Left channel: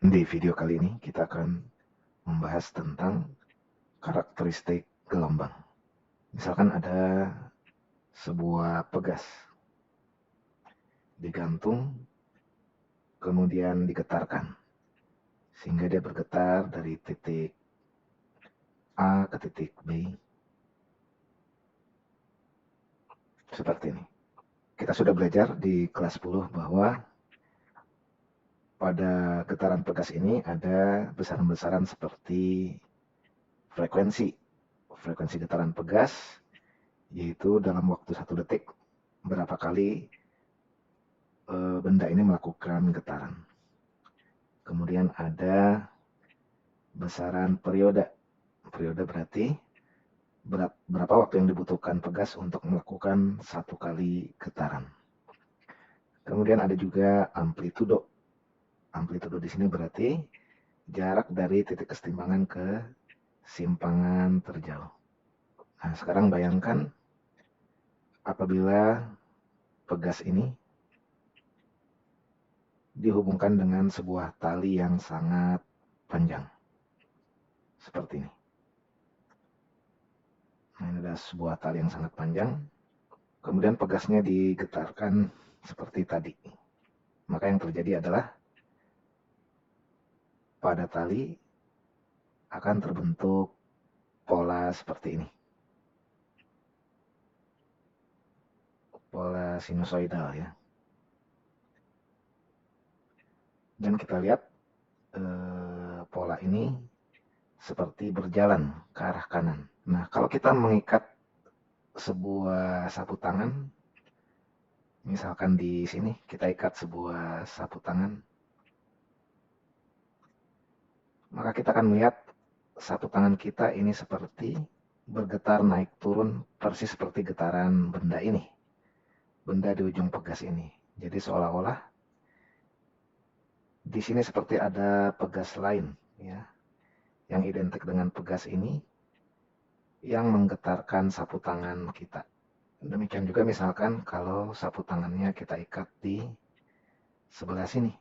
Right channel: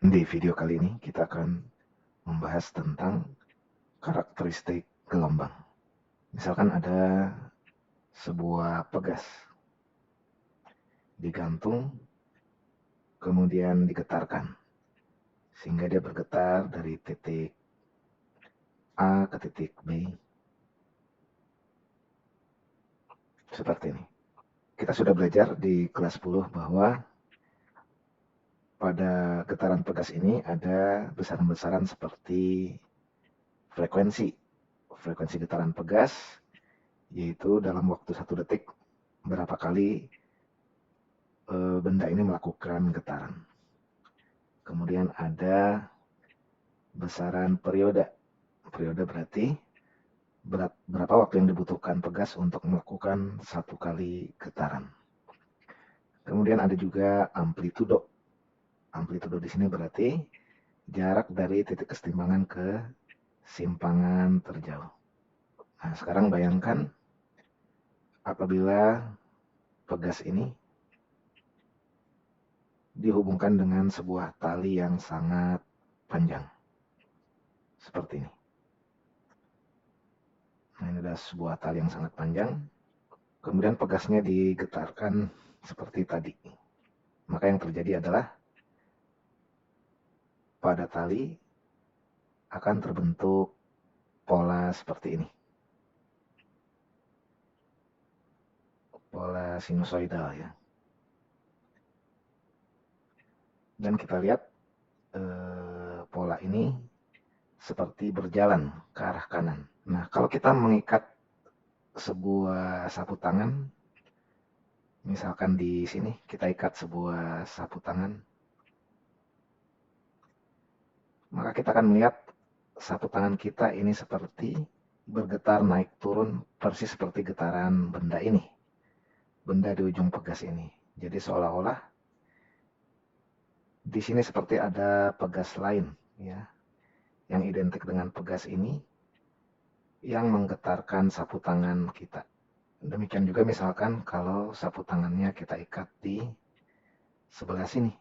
Di video kali ini kita akan membahas tentang karakteristik gelombang. Misalkan ada sebuah pegas digantung kemudian digetarkan sehingga dia bergetar dari titik A ke titik B seperti ini. Kita sudah belajar di kelas 10 bahwa pada getaran pegas ini ada besaran-besaran seperti frekuensi. Frekuensi getaran pegas yaitu dalam waktu 1 detik berapa kali benda ini melakukan getaran. Kemudian ada besaran periode. Periode berarti berapa waktu yang dibutuhkan pegas untuk melakukan 1 kali getaran. Kemudian ada juga amplitudo. Amplitudo di sini berarti jarak dari titik kesetimbangan ke simpangan terjauh. Nah, sekarang bayangkan apabila pegas ini dihubungkan dengan sebuah tali yang sangat panjang. Seperti ini. Nah, ini adalah sebuah tali yang sangat panjang. Kemudian pegasnya digetarkan seperti tadi. Maka yang terjadi adalah pada tali akan terbentuk pola seperti ini. Pola sinusoidal ya. Dan kita lihat pola ini seperti berjalan ke arah kanan. Nah, kalau kita mengikat sebuah sapu tangan, misalkan di sini kita ikat sebuah sapu tangan, maka kita akan melihat sapu tangan kita ini seperti bergetar naik turun persis seperti getaran benda ini. Benda di ujung pegas ini. Jadi seolah-olah di sini seperti ada pegas lain ya, yang identik dengan pegas ini yang menggetarkan sapu tangan kita. Demikian juga misalkan kalau sapu tangannya kita ikat di sebelah sini.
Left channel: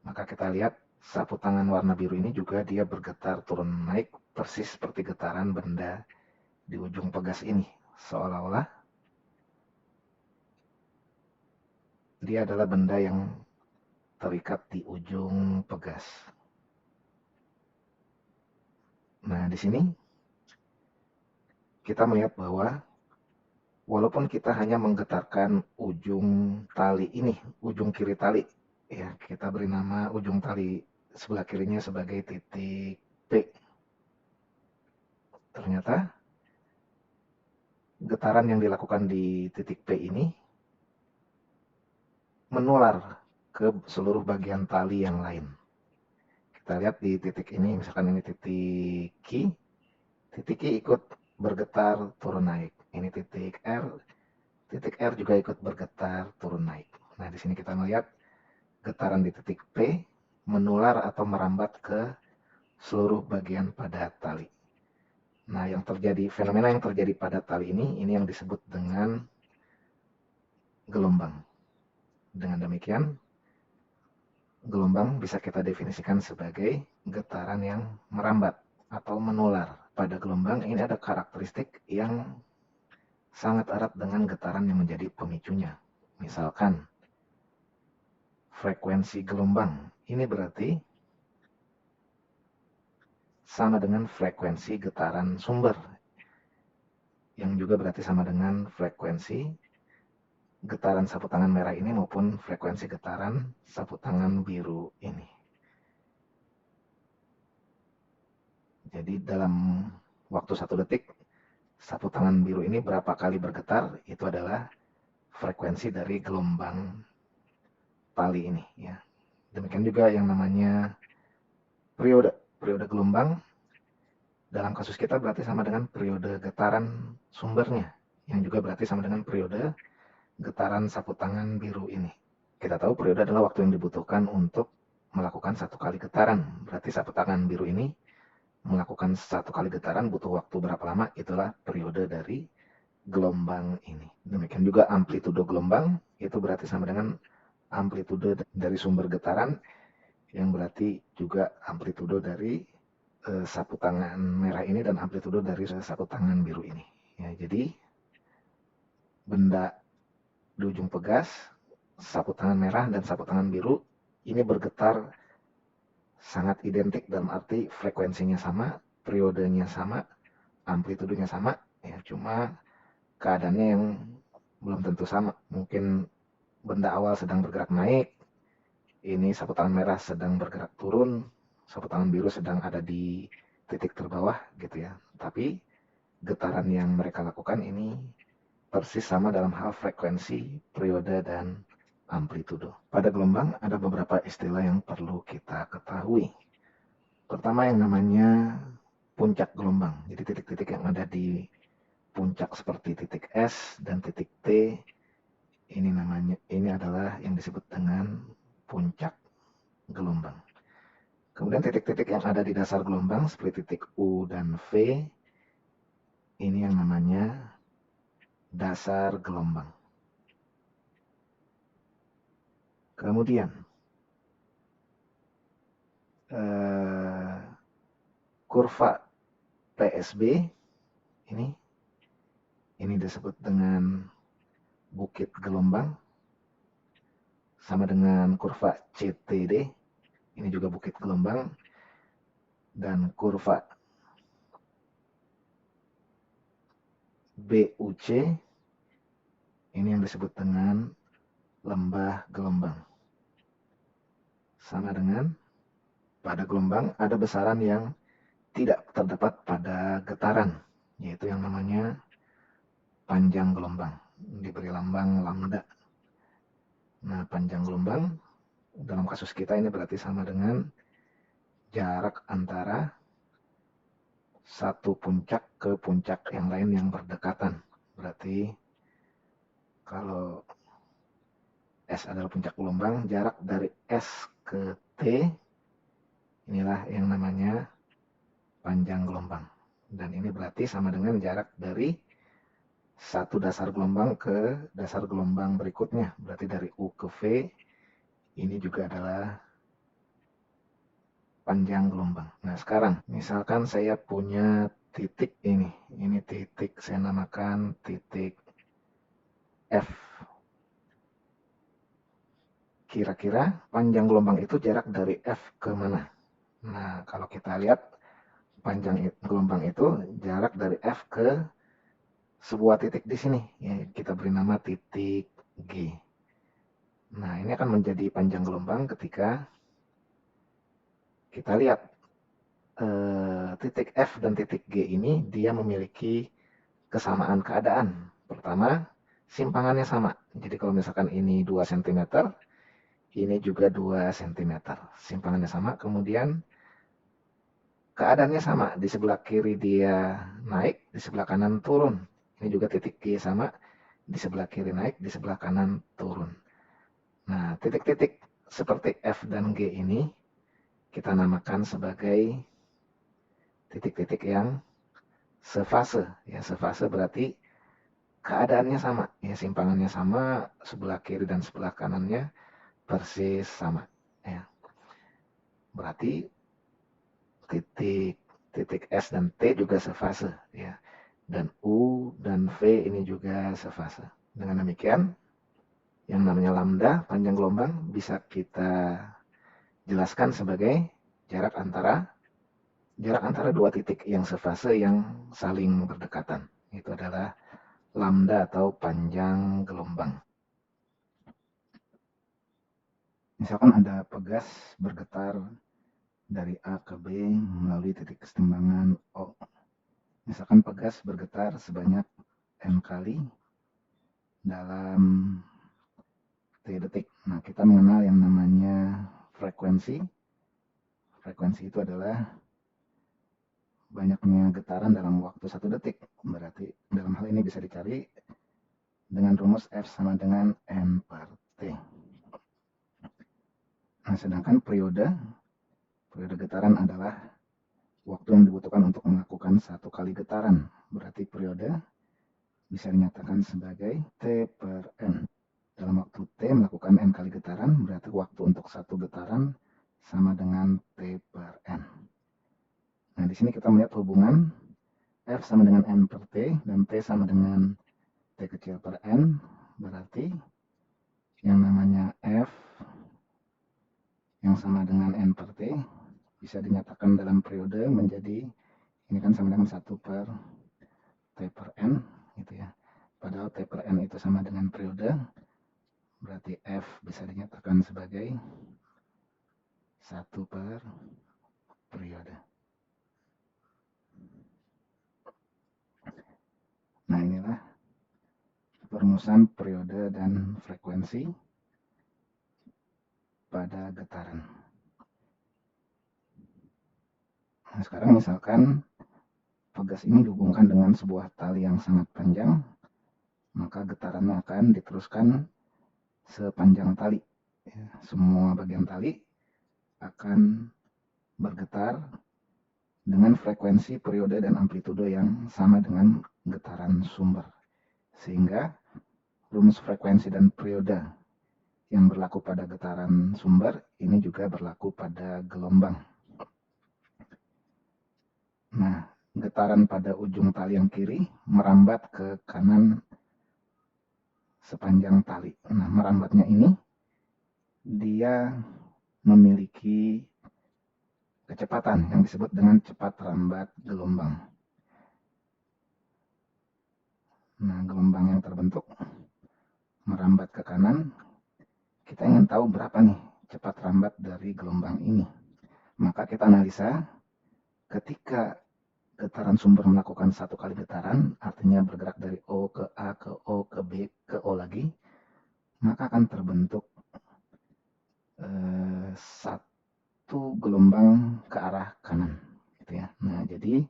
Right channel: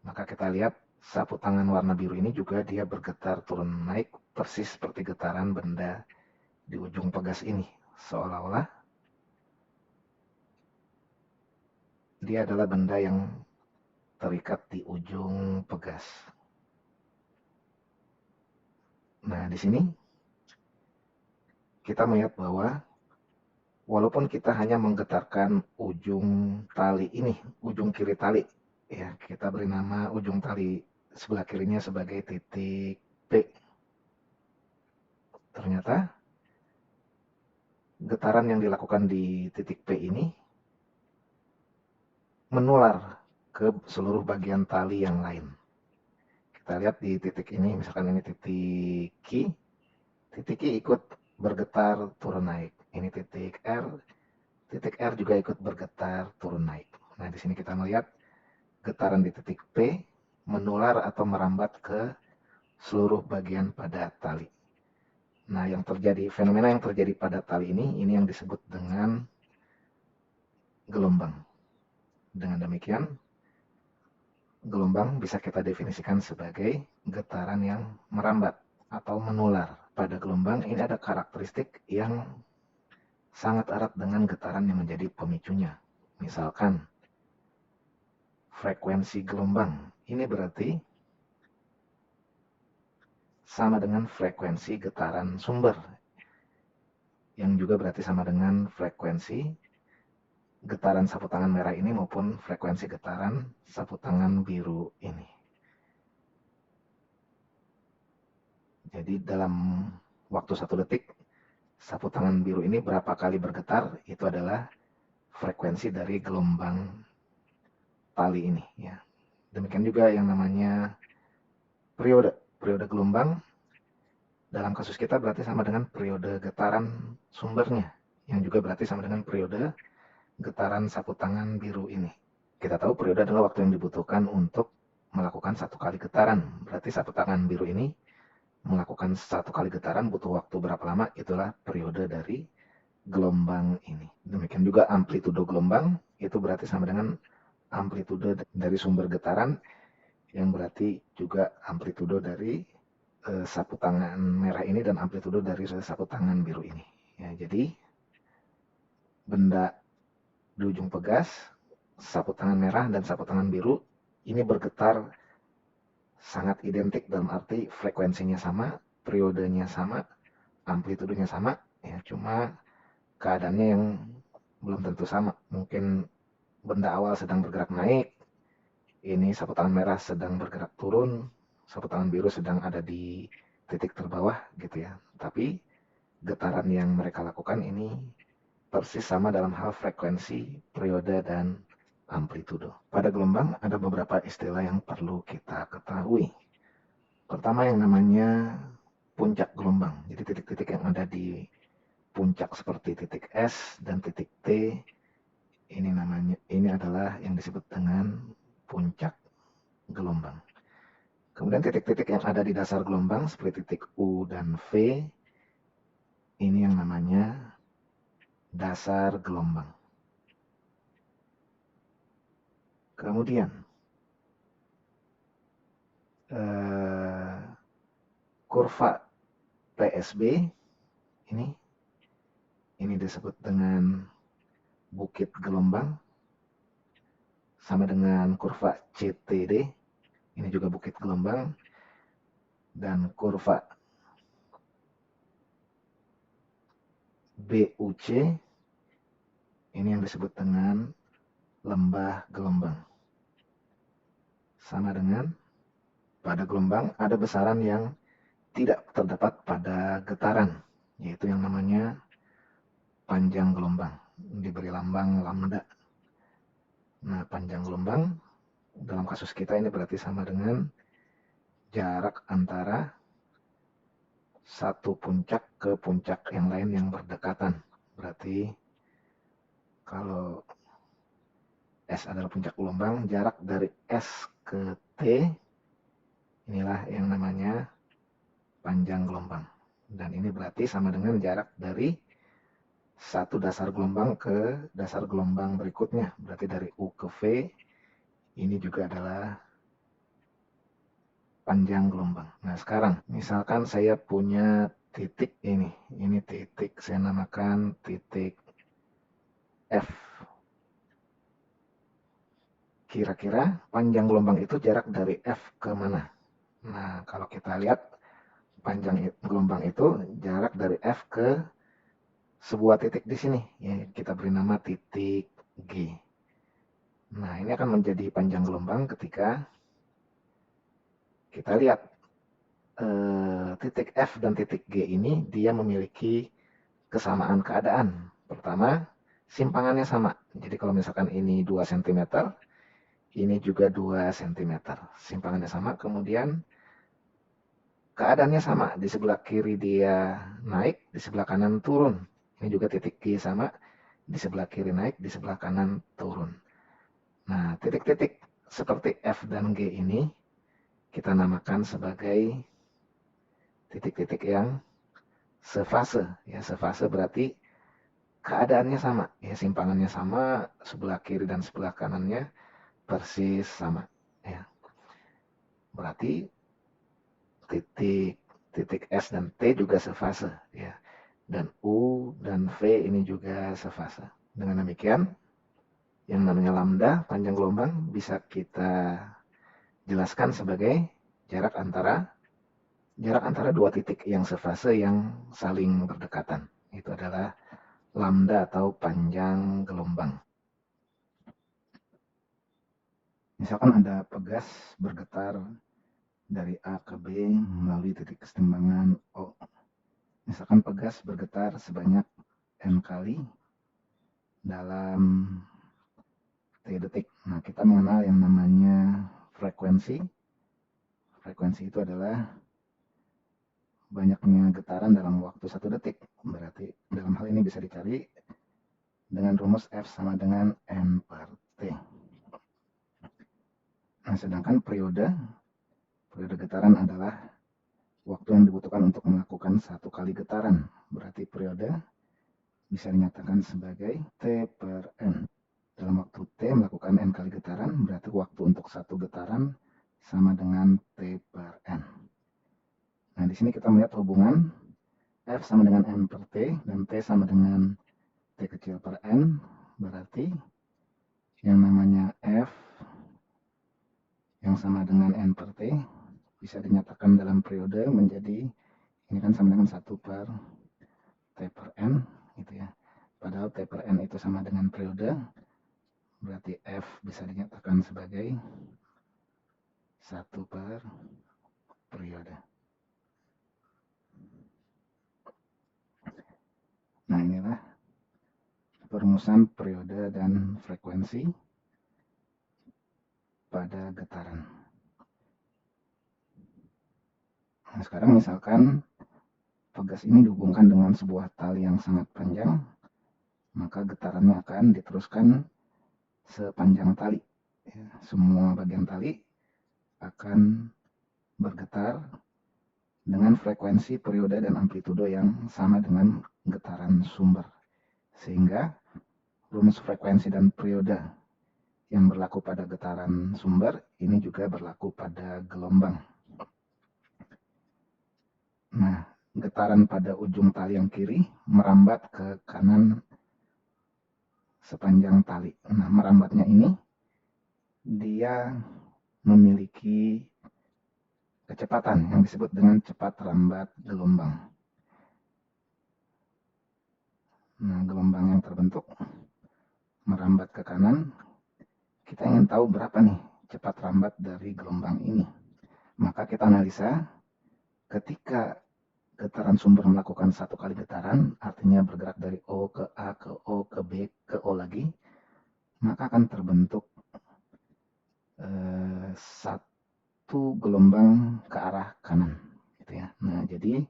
Maka kita lihat sapu tangan warna biru ini juga dia bergetar turun naik persis seperti getaran benda di ujung pegas ini. Seolah-olah dia adalah benda yang terikat di ujung pegas. Nah, di sini kita melihat bahwa walaupun kita hanya menggetarkan ujung tali ini, ujung kiri tali, ya kita beri nama ujung tali sebelah kirinya sebagai titik P. Ternyata getaran yang dilakukan di titik P ini menular ke seluruh bagian tali yang lain. Kita lihat di titik ini, misalkan ini titik Q ikut bergetar turun naik. Ini titik R juga ikut bergetar turun naik. Nah, di sini kita melihat getaran di titik P menular atau merambat ke seluruh bagian pada tali. Nah, fenomena yang terjadi pada tali ini yang disebut dengan gelombang. Dengan demikian, gelombang bisa kita definisikan sebagai getaran yang merambat atau menular. Pada gelombang ini ada karakteristik yang sangat erat dengan getaran yang menjadi pemicunya. Misalkan, frekuensi gelombang. Ini berarti sama dengan frekuensi getaran sumber, yang juga berarti sama dengan frekuensi getaran sapu tangan merah ini maupun frekuensi getaran sapu tangan biru ini. Jadi dalam waktu 1 detik, sapu tangan biru ini berapa kali bergetar, itu adalah frekuensi dari gelombang tali ini ya. Demikian juga yang namanya periode. Periode gelombang dalam kasus kita berarti sama dengan periode getaran sumbernya, yang juga berarti sama dengan periode getaran sapu tangan biru ini. Kita tahu periode adalah waktu yang dibutuhkan untuk melakukan 1 kali getaran. Berarti sapu tangan biru ini melakukan 1 kali getaran butuh waktu berapa lama, itulah periode dari gelombang ini. Demikian juga amplitudo gelombang, itu berarti sama dengan amplitude dari sumber getaran yang berarti juga amplitudo dari sapu tangan merah ini dan amplitudo dari sapu tangan biru ini. Ya, jadi benda di ujung pegas, sapu tangan merah dan sapu tangan biru ini bergetar sangat identik dalam arti frekuensinya sama, periodenya sama, amplitudonya sama, ya cuma keadaannya yang belum tentu sama. Mungkin benda awal sedang bergerak naik, ini sapu tangan merah sedang bergerak turun, sapu tangan biru sedang ada di titik terbawah gitu ya. Tapi getaran yang mereka lakukan ini persis sama dalam hal frekuensi, periode, dan amplitudo. Pada gelombang ada beberapa istilah yang perlu kita ketahui. Pertama yang namanya puncak gelombang. Jadi titik-titik yang ada di puncak seperti titik S dan titik T ini adalah yang disebut dengan puncak gelombang. Kemudian titik-titik yang ada di dasar gelombang seperti titik U dan V ini yang namanya dasar gelombang. Kemudian kurva PSB ini disebut dengan bukit gelombang, sama dengan kurva CTD ini juga bukit gelombang, dan kurva BUC ini yang disebut dengan lembah gelombang. Sama dengan pada gelombang ada besaran yang tidak terdapat pada getaran, yaitu yang namanya panjang gelombang, diberi lambang lambda. Nah, panjang gelombang dalam kasus kita ini berarti sama dengan jarak antara satu puncak ke puncak yang lain yang berdekatan. Berarti kalau S adalah puncak gelombang, jarak dari S ke T inilah yang namanya panjang gelombang. Dan ini berarti sama dengan jarak dari satu dasar gelombang ke dasar gelombang berikutnya. Berarti dari U ke V ini juga adalah panjang gelombang. Nah, sekarang misalkan saya punya titik ini titik saya namakan titik F. Kira-kira panjang gelombang itu jarak dari F ke mana? Nah, kalau kita lihat panjang gelombang itu jarak dari F ke sebuah titik di sini. Ya, kita beri nama titik G. Nah, ini akan menjadi panjang gelombang ketika kita lihat titik F dan titik G ini dia memiliki kesamaan keadaan. Pertama, simpangannya sama. Jadi kalau misalkan ini 2 cm, ini juga 2 cm. Simpangannya sama, kemudian keadaannya sama. Di sebelah kiri dia naik, di sebelah kanan turun. Ini juga titik G sama, di sebelah kiri naik, di sebelah kanan turun. Nah, titik-titik seperti F dan G ini kita namakan sebagai titik-titik yang sefase. Ya, sefase berarti keadaannya sama, ya simpangannya sama, sebelah kiri dan sebelah kanannya persis sama. Ya, berarti titik titik S dan T juga sefase, ya. Dan U dan V ini juga sefase. Dengan demikian, yang namanya lambda panjang gelombang bisa kita jelaskan sebagai jarak antara dua titik yang sefase yang saling berdekatan. Itu adalah lambda atau panjang gelombang. Misalkan ada pegas bergetar dari A ke B melalui titik kesetimbangan O. Misalkan pegas bergetar sebanyak N kali dalam T detik. Nah, kita mengenal yang namanya frekuensi. Frekuensi itu adalah banyaknya getaran dalam waktu 1 detik. Berarti dalam hal ini bisa dicari dengan rumus F sama dengan N per T. Nah, sedangkan periode getaran adalah waktu yang dibutuhkan untuk melakukan 1 kali getaran. Berarti periode bisa dinyatakan sebagai T per N. Dalam waktu T melakukan N kali getaran, berarti waktu untuk 1 getaran sama dengan T per N. Nah, di sini kita melihat hubungan F sama dengan N per T dan T sama dengan T kecil per N. Berarti yang namanya F yang sama dengan N per T bisa dinyatakan dalam periode menjadi, ini kan sama dengan 1 per T per N gitu ya. Padahal T per N itu sama dengan periode, berarti F bisa dinyatakan sebagai 1 per periode. Nah, inilah perumusan periode dan frekuensi pada getaran. Nah, sekarang misalkan pegas ini dihubungkan dengan sebuah tali yang sangat panjang, maka getarannya akan diteruskan sepanjang tali. Semua bagian tali akan bergetar dengan frekuensi, periode, dan amplitudo yang sama dengan getaran sumber. Sehingga rumus frekuensi dan periode yang berlaku pada getaran sumber ini juga berlaku pada gelombang. Nah, getaran pada ujung tali yang kiri merambat ke kanan sepanjang tali. Nah, merambatnya ini dia memiliki kecepatan yang disebut dengan cepat rambat gelombang. Nah, gelombang yang terbentuk merambat ke kanan, kita ingin tahu berapa nih cepat rambat dari gelombang ini. Maka kita analisa ketika getaran sumber melakukan satu kali getaran, artinya bergerak dari O ke A ke O ke B ke O lagi, maka akan terbentuk satu gelombang ke arah kanan, gitu ya. Nah, jadi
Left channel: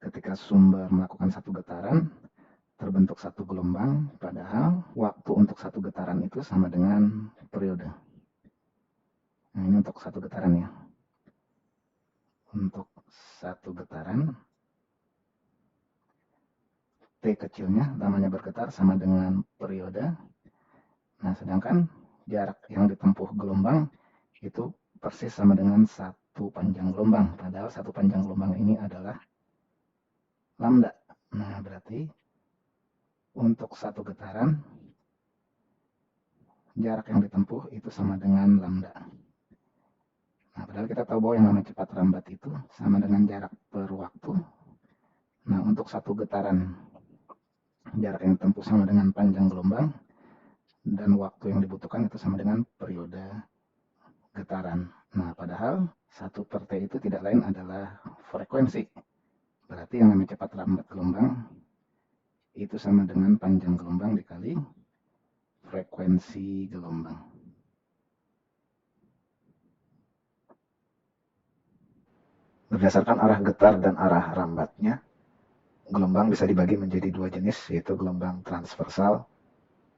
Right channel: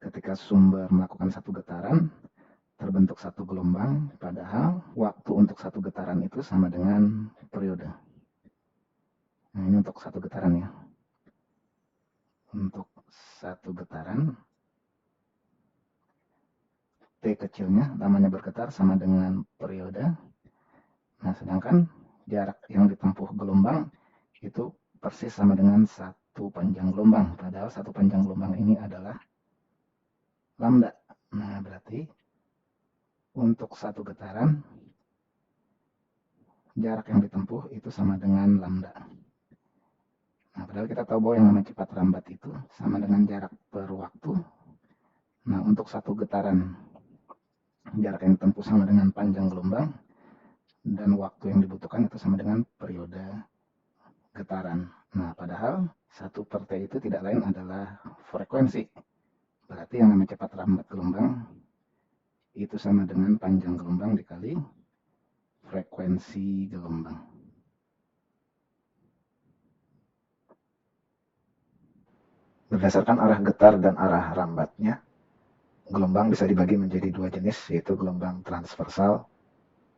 ketika sumber melakukan satu getaran, terbentuk satu gelombang, padahal waktu untuk satu getaran itu sama dengan periode. Nah, ini untuk satu getaran ya. Untuk satu getaran, T kecilnya namanya bergetar sama dengan periode. Nah, sedangkan jarak yang ditempuh gelombang itu persis sama dengan satu panjang gelombang. Padahal satu panjang gelombang ini adalah lambda. Nah, berarti untuk satu getaran, jarak yang ditempuh itu sama dengan lambda. Nah, padahal kita tahu bahwa yang namanya cepat rambat itu sama dengan jarak per waktu. Nah, untuk satu getaran, jarak yang ditempuh sama dengan panjang gelombang, dan waktu yang dibutuhkan itu sama dengan periode getaran. Nah, padahal 1 per T itu tidak lain adalah frekuensi. Berarti yang namanya cepat rambat gelombang itu sama dengan panjang gelombang dikali frekuensi gelombang. Berdasarkan arah getar dan arah rambatnya, gelombang bisa dibagi menjadi dua jenis, yaitu gelombang transversal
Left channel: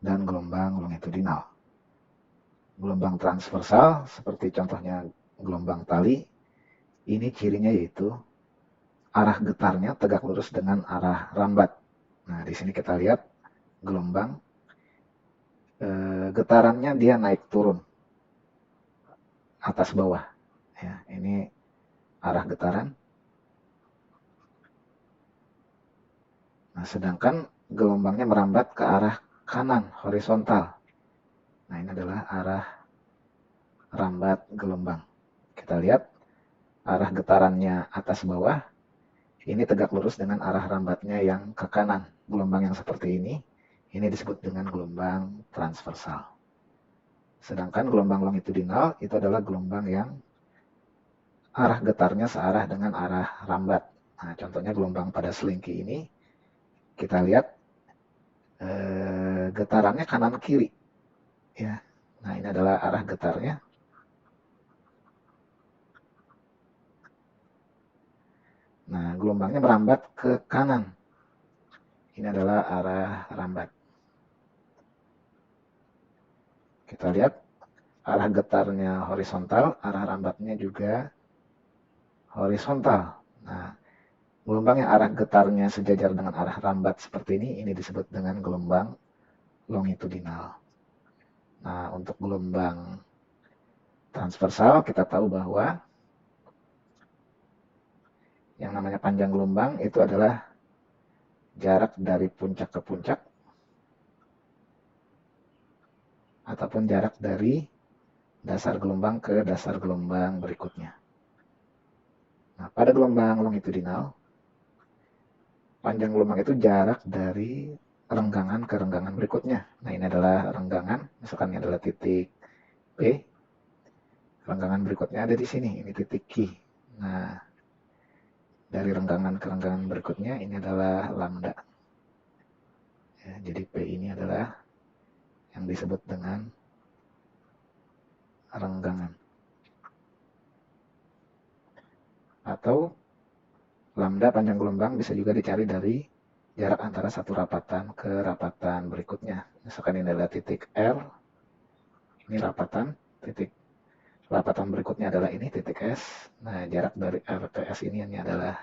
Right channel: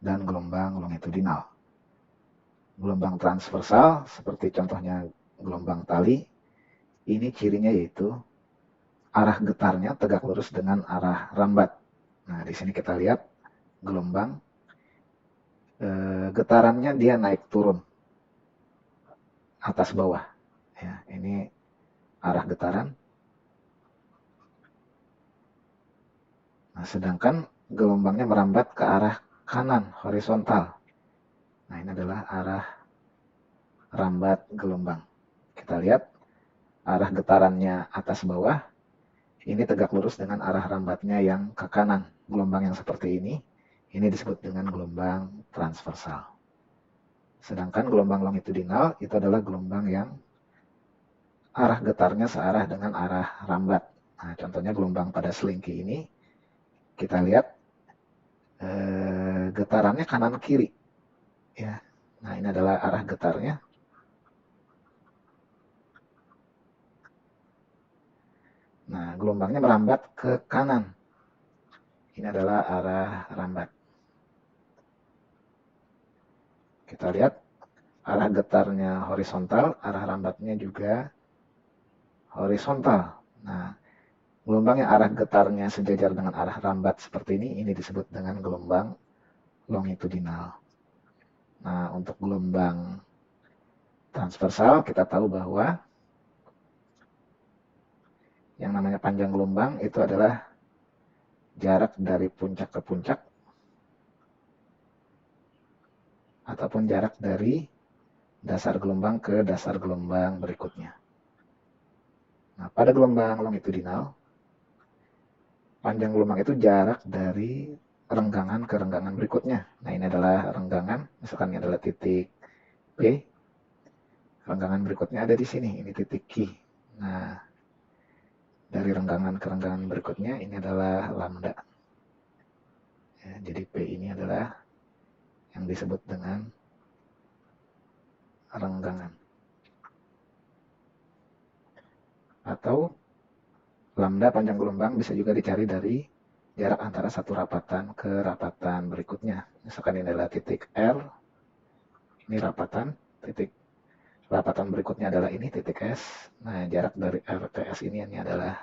dan gelombang longitudinal. Gelombang transversal, seperti contohnya gelombang tali, ini cirinya yaitu arah getarnya tegak lurus dengan arah rambat. Nah, di sini kita lihat gelombang getarannya dia naik turun, atas bawah. Ya, ini arah getaran. Nah, sedangkan gelombangnya merambat ke arah kanan, horizontal. Nah, ini adalah arah rambat gelombang. Kita lihat arah getarannya atas bawah, ini tegak lurus dengan arah rambatnya yang ke kanan. Gelombang yang seperti ini disebut dengan gelombang transversal. Sedangkan gelombang longitudinal itu adalah gelombang yang arah getarnya searah dengan arah rambat. Nah, contohnya gelombang pada selingki ini, kita lihat getarannya kanan kiri. Ya. Nah, ini adalah arah getarnya. Nah, gelombangnya merambat ke kanan. Ini adalah arah rambat. Kita lihat arah getarnya horizontal, arah rambatnya juga horizontal. Nah, gelombang yang arah getarnya sejajar dengan arah rambat seperti ini disebut dengan gelombang longitudinal. Nah, untuk gelombang Transversal kita tahu bahwa yang namanya panjang gelombang itu adalah jarak dari puncak ke puncak ataupun jarak dari dasar gelombang ke dasar gelombang berikutnya. Nah, pada gelombang longitudinal, panjang gelombang itu jarak dari renggangan ke renggangan berikutnya. Nah, ini adalah renggangan, misalkan ini adalah titik P. Renggangan berikutnya ada di sini, ini titik Q. Nah, dari renggangan ke renggangan berikutnya ini adalah lambda. Ya, jadi P ini adalah yang disebut dengan renggangan. Atau lambda panjang gelombang bisa juga dicari dari jarak antara satu rapatan ke rapatan berikutnya. Misalkan ini adalah titik R, ini rapatan, titik rapatan berikutnya adalah ini titik S. Nah, jarak dari R ke S ini adalah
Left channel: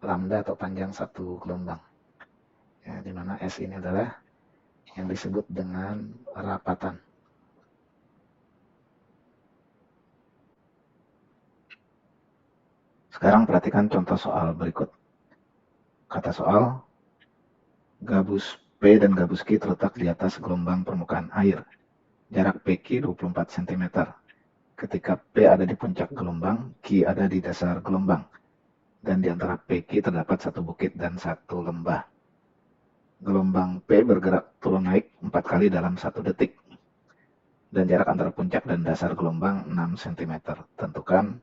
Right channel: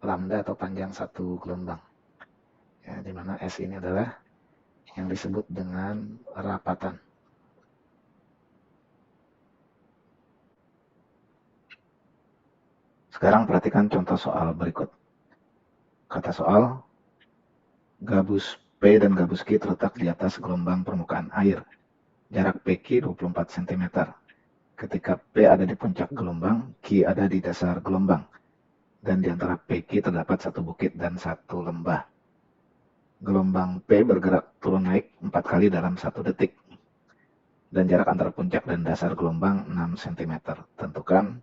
lambda atau panjang satu gelombang. Ya, di mana S ini adalah yang disebut dengan rapatan. Sekarang perhatikan contoh soal berikut. Kata soal, gabus P dan gabus Q terletak di atas gelombang permukaan air. Jarak PQ 24 cm. Ketika P ada di puncak gelombang, Q ada di dasar gelombang. Dan di antara PQ terdapat satu bukit dan satu lembah. Gelombang P bergerak turun naik 4 kali dalam 1 detik. Dan jarak antara puncak dan dasar gelombang 6 cm. Tentukan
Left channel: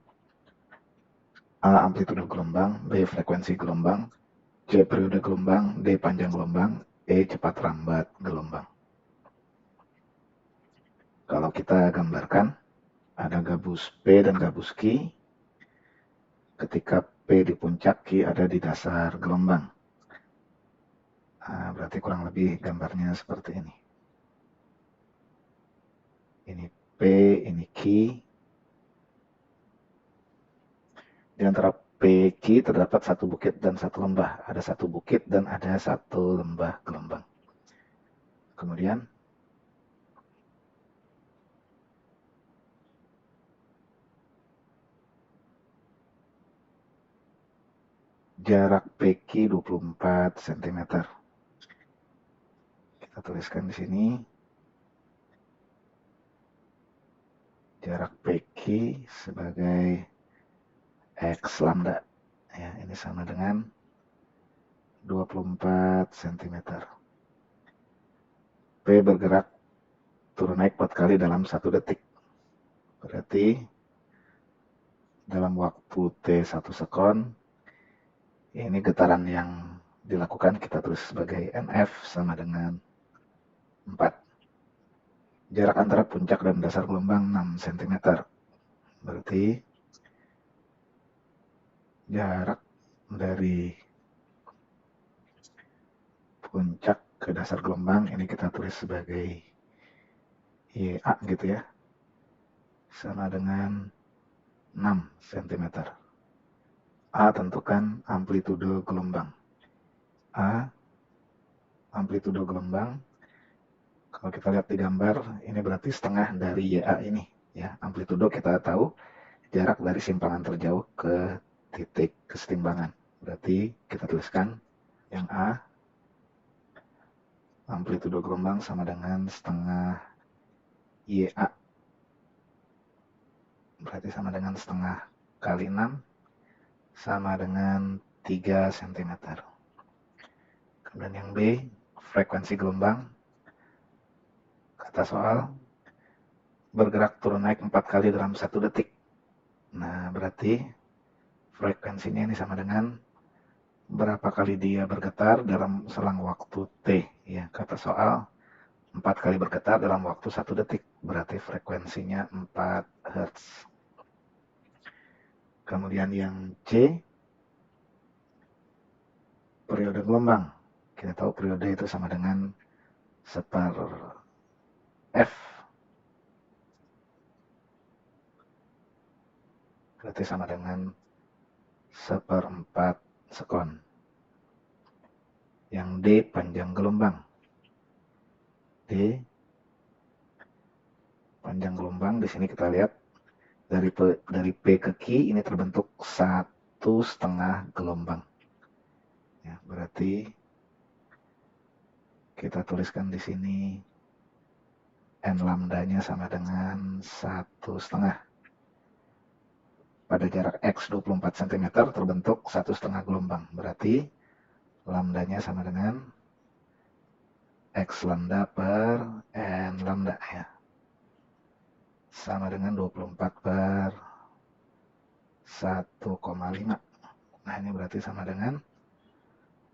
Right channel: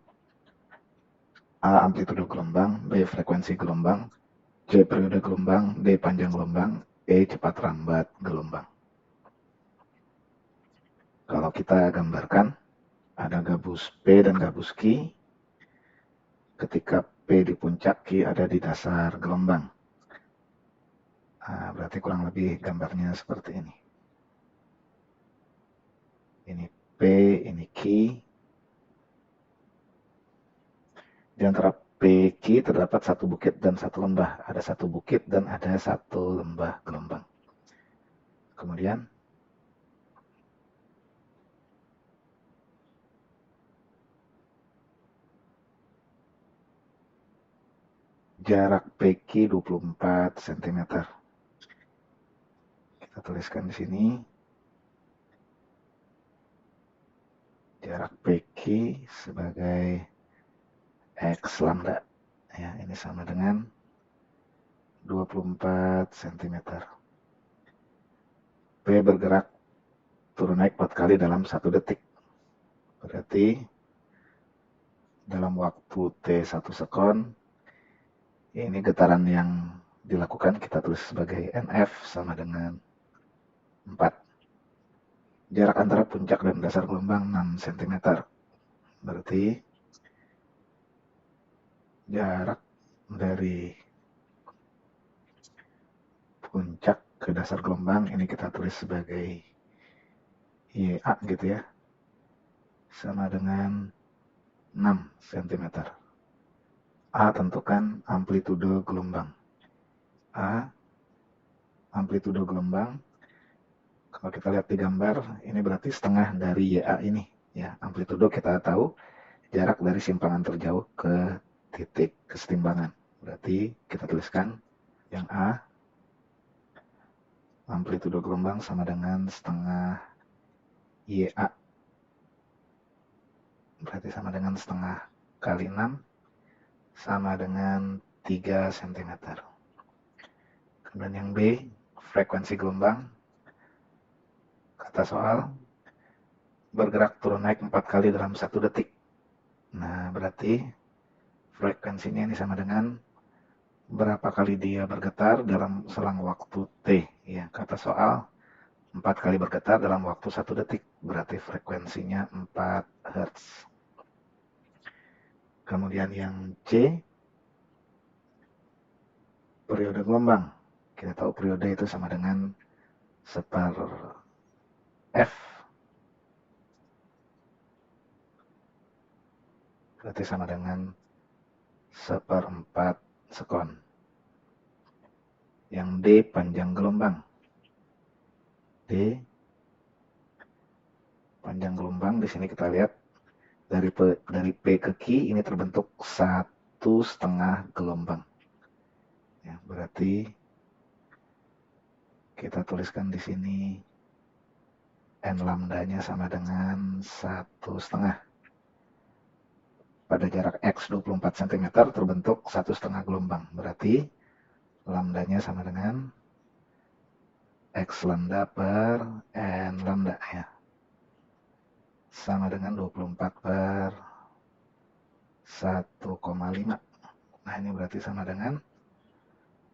A. Amplitudo gelombang, B. Frekuensi gelombang, C. Periode gelombang, D. Panjang gelombang, E. Cepat rambat gelombang. Kalau kita gambarkan, ada gabus P dan gabus Q. Ketika P di puncak, Q ada di dasar gelombang. Nah, berarti kurang lebih gambarnya seperti ini. Ini P, ini Q. Di antara PQ terdapat satu bukit dan satu lembah. Ada satu bukit dan ada satu lembah gelombang. Kemudian jarak PQ 24 cm. Kita tuliskan di sini. Jarak PQ sebagai X lambda. Ya, ini sama dengan 24 cm. P bergerak turun naik 4 kali dalam 1 detik. Berarti dalam waktu T1 sekon, ini getaran yang dilakukan kita tulis sebagai NF sama dengan 4. Jarak antara puncak dan dasar gelombang 6 cm. Berarti jarak dari puncak ke dasar gelombang ini kita tulis sebagai YA gitu ya. Sama dengan 6 cm. A tentukan amplitudo gelombang. A amplitudo gelombang. Kalau kita lihat di gambar, ini berarti setengah dari YA ini. Ya, amplitudo kita tahu jarak dari simpangan terjauh ke titik kesetimbangan. Berarti kita tuliskan yang A, amplitudo gelombang sama dengan setengah YA. Berarti sama dengan setengah kali 6 sama dengan 3 cm. Kemudian yang B, frekuensi gelombang. Kata soal, bergerak turun naik 4 kali dalam 1 detik. Nah, berarti frekuensinya ini sama dengan berapa kali dia bergetar dalam selang waktu T. Ya, kata soal, 4 kali bergetar dalam waktu 1 detik. Berarti frekuensinya 4 Hz. Kemudian yang C, periode gelombang. Kita tahu periode itu sama dengan separ F. Berarti sama dengan seperempat sekon. Yang D, panjang gelombang. D Panjang gelombang di sini kita lihat dari P ke Q ini terbentuk 1,5 gelombang. Ya, berarti kita tuliskan di sini n lambdanya sama dengan 1,5. Pada jarak X 24 cm terbentuk 1,5 gelombang. Berarti lambdanya sama dengan X lambda per N lambda ya. Sama dengan 24 per 1,5. Nah ini berarti sama dengan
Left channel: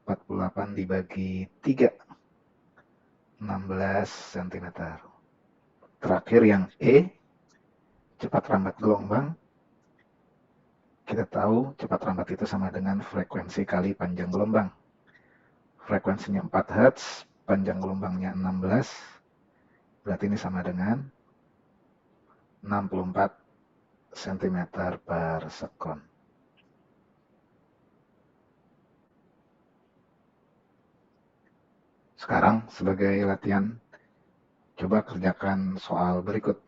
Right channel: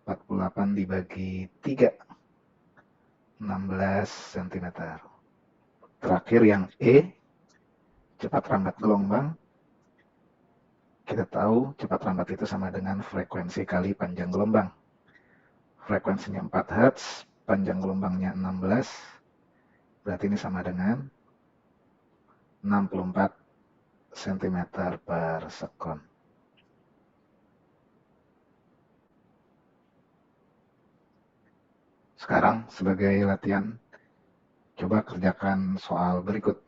48 dibagi 3. 16 cm. Terakhir yang E, cepat rambat gelombang. Kita tahu cepat rambat itu sama dengan frekuensi kali panjang gelombang. Frekuensinya 4 Hz, panjang gelombangnya 16, berarti ini sama dengan 64 cm per sekon. Sekarang sebagai latihan, coba kerjakan soal berikut.